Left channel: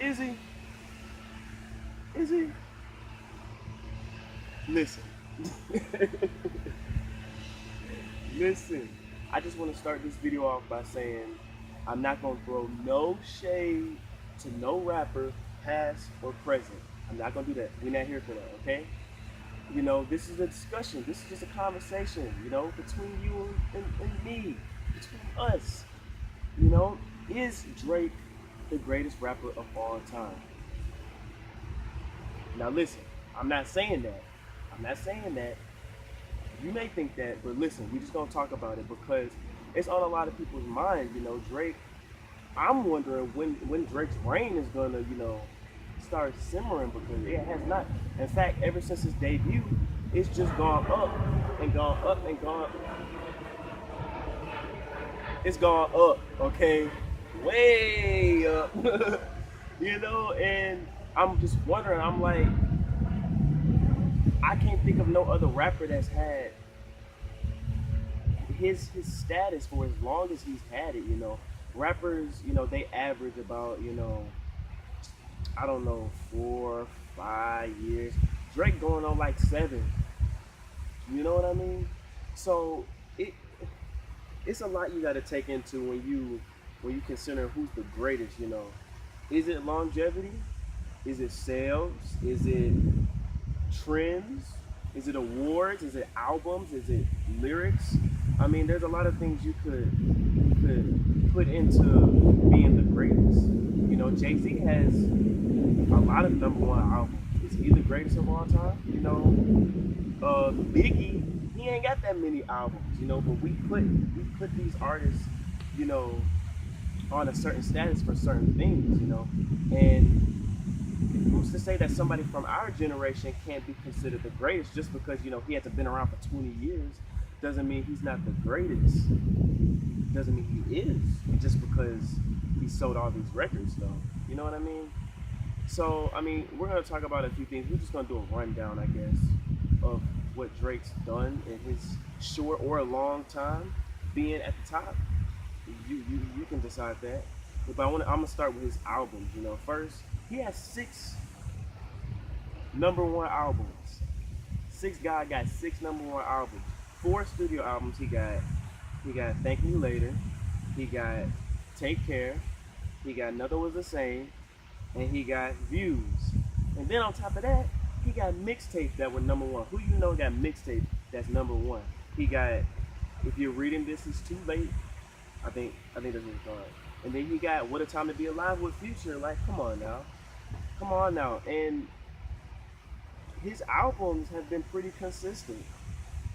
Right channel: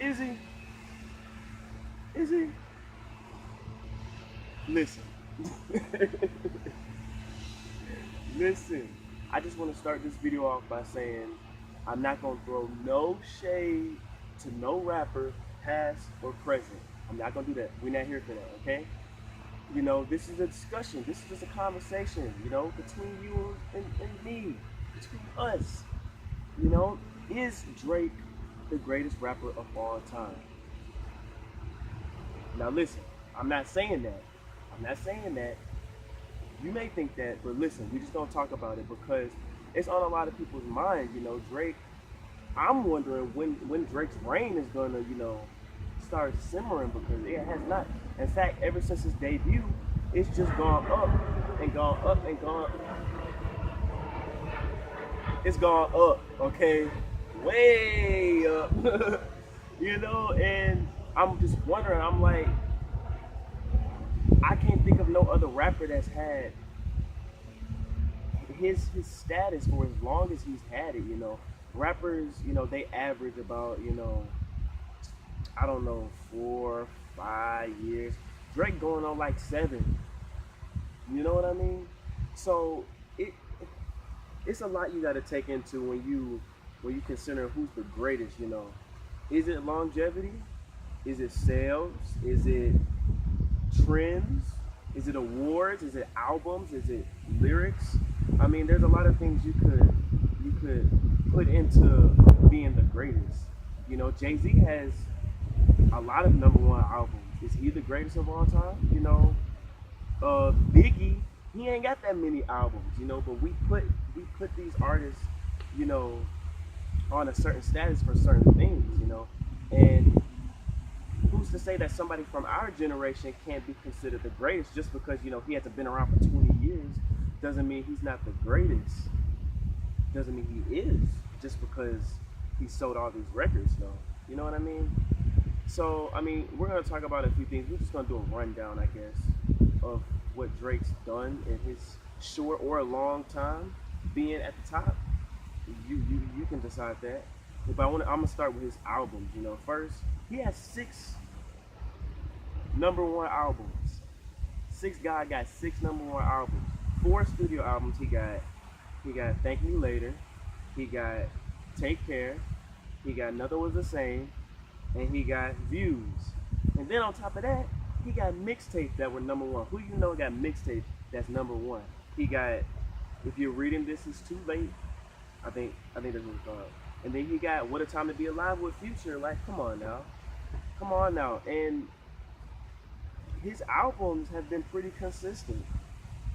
Is he? Is he? Listen. Listen. I just want to start this video off by saying I'm not gonna throw no shade to no rapper, past or present. I'm not gonna do that. We're not here for that, okay? You know, this is a discussion. This is just a conversation, you know, between you and me, between us. You know, is Drake the greatest rapper of all time? Now listen, I'm not saying that. I'm not saying that. You may think that, but listen, we just gonna talk about it because it's on a lot of people's minds. You know, Drake. I'm wondering when Drake's reign is gonna, start simmering because it has not. In fact, ever since his debut, it's just gone up and gone up and gone. It's gone up, okay, way up. And I'm just wondering. I'm like, I can't think of no other rapper that's had his status for as long as he's had it. Rappers, they average about, I don't know, 4, 5 years. Drake going on like 7. You know what I mean? So it's a lot you got to take into when you consider who's the greatest. Is it longevity? Is it sales? Is it trends? Is it awards? Is it albums? Is it lyrics? I mean, there's a lot of things you could put into being the greatest. Jay-Z has a lot of #1 albums. Is he the greatest of all time? Biggie, he ain't got that many albums. But we put these artists, you know, on a certain status for certain things. And who's to say that somebody from our generation can't be considered the greatest just because he hasn't been around for 20 years doesn't mean he's not the greatest. Doesn't mean he is just because he sold all these records though. You know what I mean? So I mean, we're gonna talk about a few things. We're just gonna do a rundown, I guess, of what Drake's done in his short or a long time being at the top. You can decide that. But I'm gonna start with his albums. First he has 6 #1 albums. Six guy got 6 #1 albums. 4 studio albums he got. He got Thank Me Later. He got Take Care. He got Another Was the Same. And he got Views. And then on top of that, he got mixtapes that were #1. Who got mixtape that's #1? He got If You're Reading This Is Too Late. I think that's what it's called. And then he got What a Time to Be Alive with Future. Like, come on now. Come on now. And his albums have been pretty consistent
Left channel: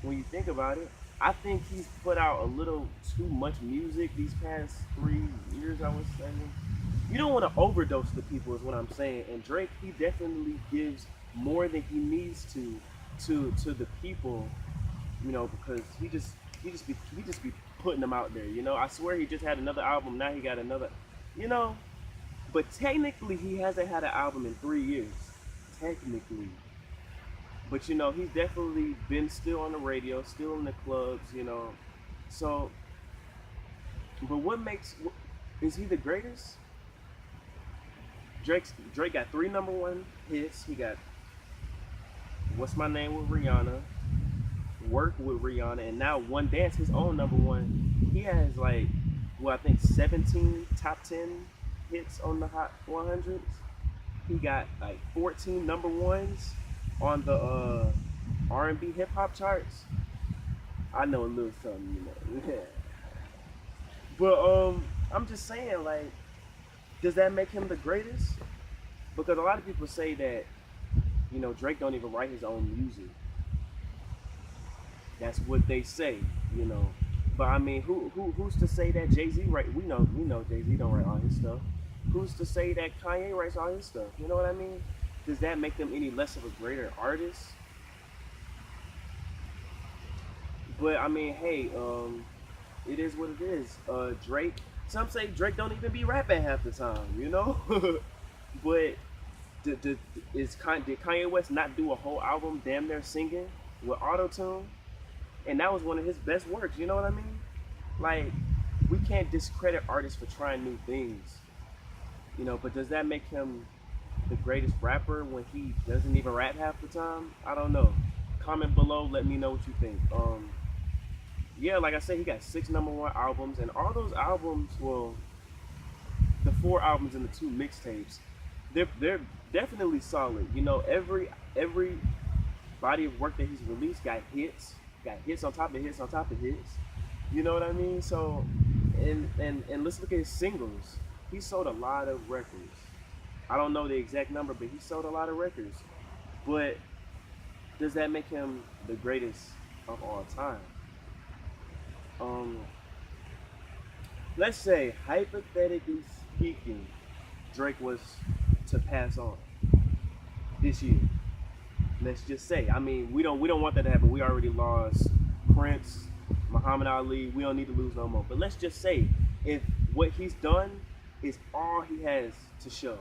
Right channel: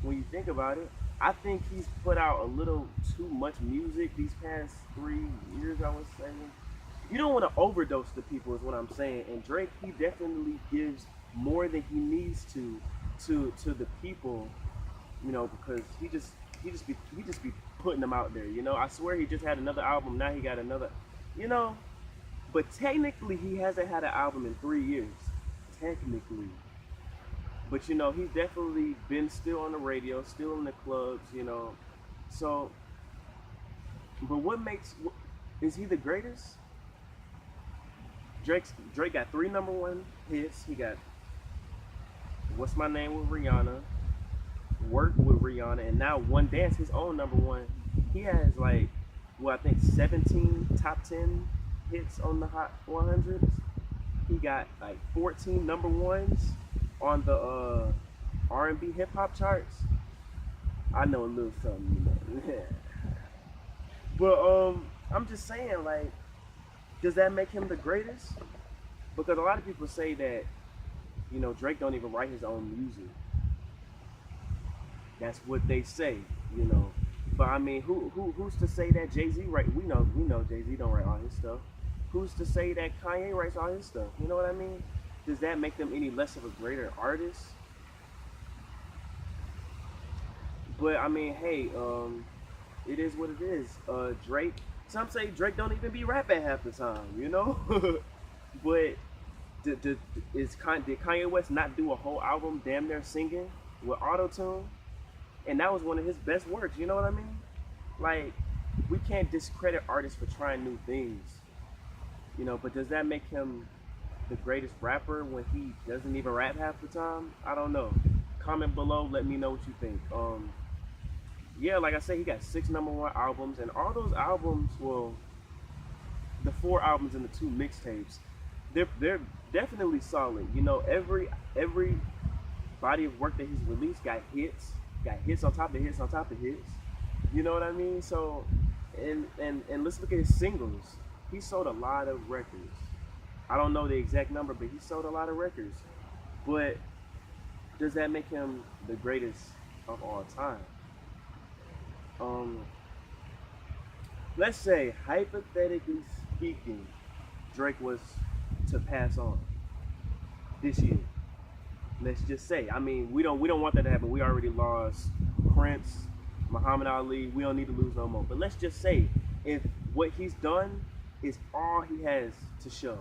when you think about it. I think he's put out a little too much music these past 3 years, I would say. You don't want to overdose the people is what I'm saying. And Drake, he definitely gives more than he needs to the people, because he just be putting them out there. I swear he just had another album, now he got another, you know. But technically he hasn't had an album in 3 years. Technically. But he's definitely been still on the radio, still in the clubs. So, but is he the greatest? Drake got 3 #1 hits. He got What's My Name with Rihanna, Work with Rihanna, and now One Dance, his own #1. He has I think 17 top 10 hits on the Hot 100s. He got 14 #1s on the R&B hip hop charts. I know a little something, But I'm just saying, does that make him the greatest? Because a lot of people say that, Drake don't even write his own music. That's what they say. But I mean, who's to say that Jay-Z write? We know Jay-Z don't write all his stuff. Who's to say that Kanye writes all his stuff? You know what I mean? Does that make them any less of a greater artist? But I mean, hey, it is what it is. Drake. Some say Drake don't even be rapping half the time. But did Kanye West not do a whole album damn near singing with auto-tune? And that was one of his best works. You know what I mean? We can't discredit artists for trying new things. But does that make him the greatest rapper when he doesn't even rap half the time? I don't know. Comment below, let me know what you think. Yeah, like I said, he got 6 #1 albums, and all those albums, well, the 4 albums and the 2 mixtapes, they're definitely solid. Every body of work that he's released got hits on top of hits on top of hits. You know what I mean? So, and let's look at his singles. He sold a lot of records. I don't know the exact number, but he sold a lot of records. But does that make him the greatest of all time? Um, let's say, hypothetically speaking, Drake was to pass on this year. Let's just say. I mean, we don't want that to happen. We already lost Prince, Muhammad Ali. We don't need to lose no more. But let's just say, if what he's done is all he has to show,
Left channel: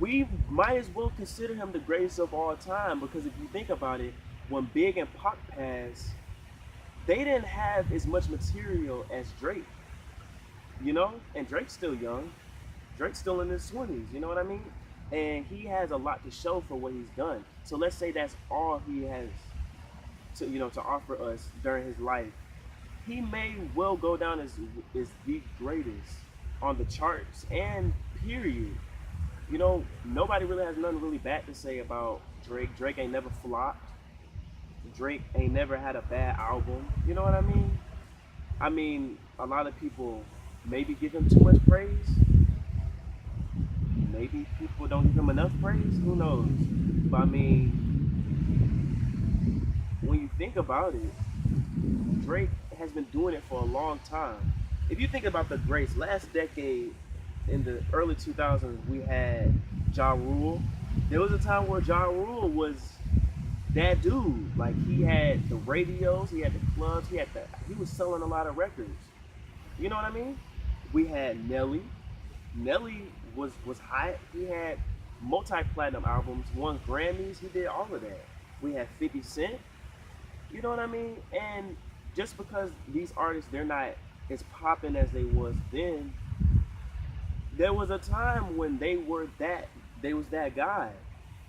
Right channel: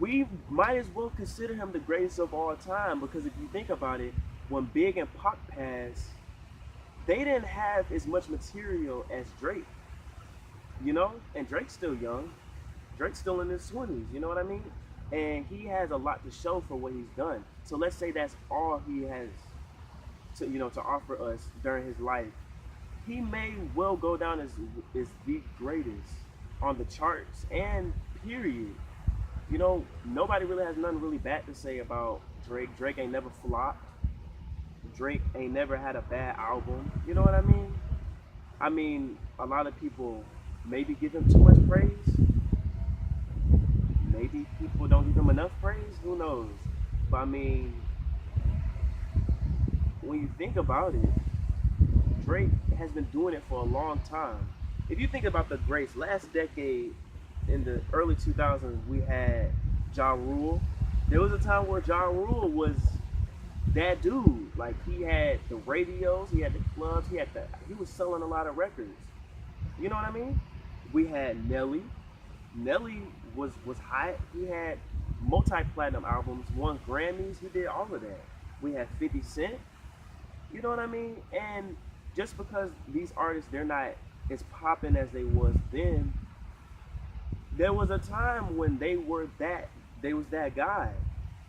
we might as well consider him the greatest of all time, because if you think about it, when Big and Pac passed, they didn't have as much material as Drake, and Drake's still young. Drake's still in his 20s, you know what I mean? And he has a lot to show for what he's done. So let's say that's all he has to offer us during his life. He may well go down as the greatest on the charts and period. Nobody really has nothing really bad to say about Drake. Drake ain't never flopped. Drake ain't never had a bad album. You know what I mean? I mean, a lot of people maybe give him too much praise. Maybe people don't give him enough praise. Who knows? But I mean, when you think about it, Drake has been doing it for a long time. If you think about the greats, last decade, in the early 2000s, we had Ja Rule. There was a time where Ja Rule was that dude. Like, he had the radios, he had the clubs, he was selling a lot of records. You know what I mean? We had Nelly. Nelly was hot. He had multi-platinum albums, won Grammys. He did all of that. We had 50 Cent. You know what I mean? And just because these artists, they're not as popping as they was then, there was a time when they was that guy.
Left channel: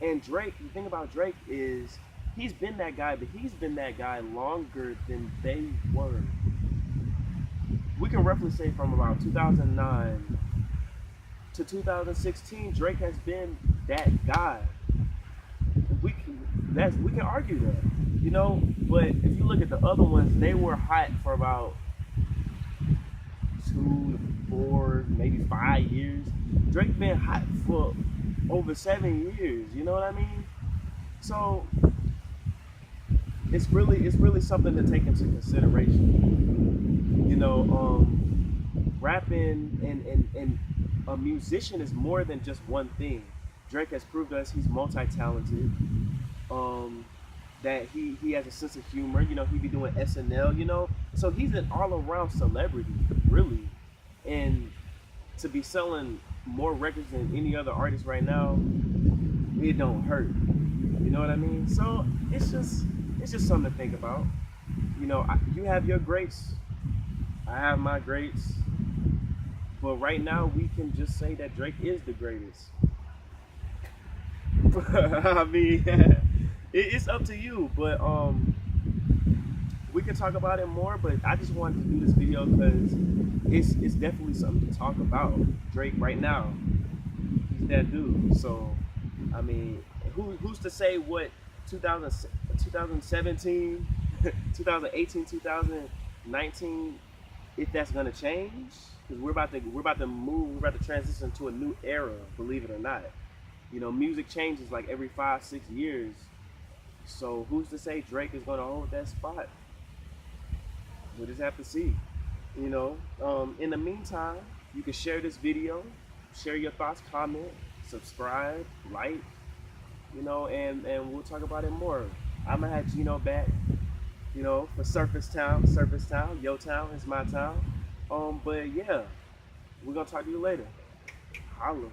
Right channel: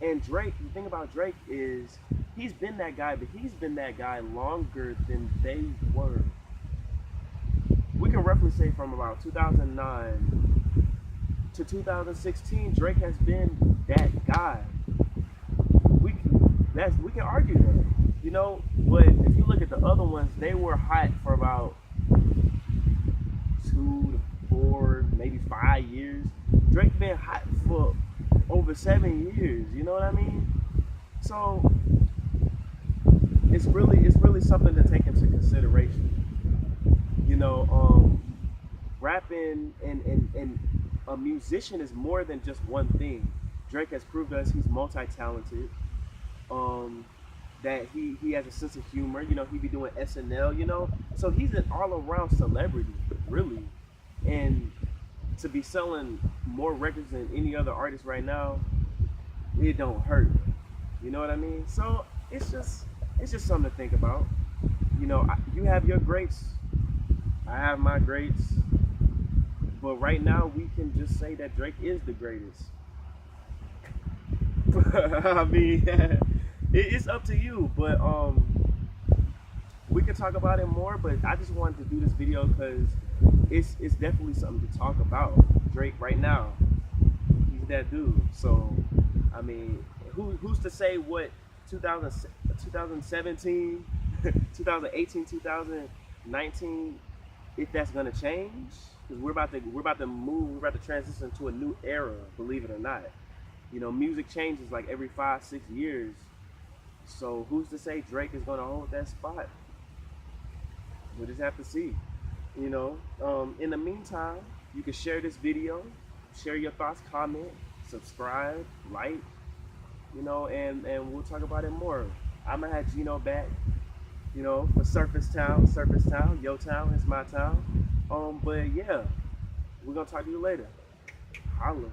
And Drake, the thing about Drake is he's been that guy, but he's been that guy longer than they were. We can roughly say from about 2009 to 2016, Drake has been that guy. We can argue that, but if you look at the other ones, they were hot for about 2 to 4, maybe 5 years. Drake been hot for over 7 years. You know what I mean? So it's really something to take into consideration. Rapping and a musician is more than just one thing. Drake has proved to us he's multi-talented. That he has a sense of humor. He be doing SNL. So he's an all-around celebrity, really. And to be selling more records than any other artist right now, it don't hurt. You know what I mean? So it's just something to think about. You have your greats, I have my greats, but right now we can just say that Drake is the greatest. I mean, it's up to you, but we can talk about it more. But I just wanted to do this video because it's definitely something to talk about. Drake right now, he's that dude. So I mean, who's to say what 2017, 2018, 2019, if that's gonna change? Because we're about to move, we're about to transition to a new era, believe it or not. Music changes like every 5-6 years. So who's to say Drake is gonna hold that spot? We'll just have to see. In the meantime, you can share this video, share your thoughts, comment, subscribe, like, and we'll talk about it more. I'm gonna have Gino back, for Surface Town, Yo Town is my town. But yeah, we're gonna talk to you later. Holla.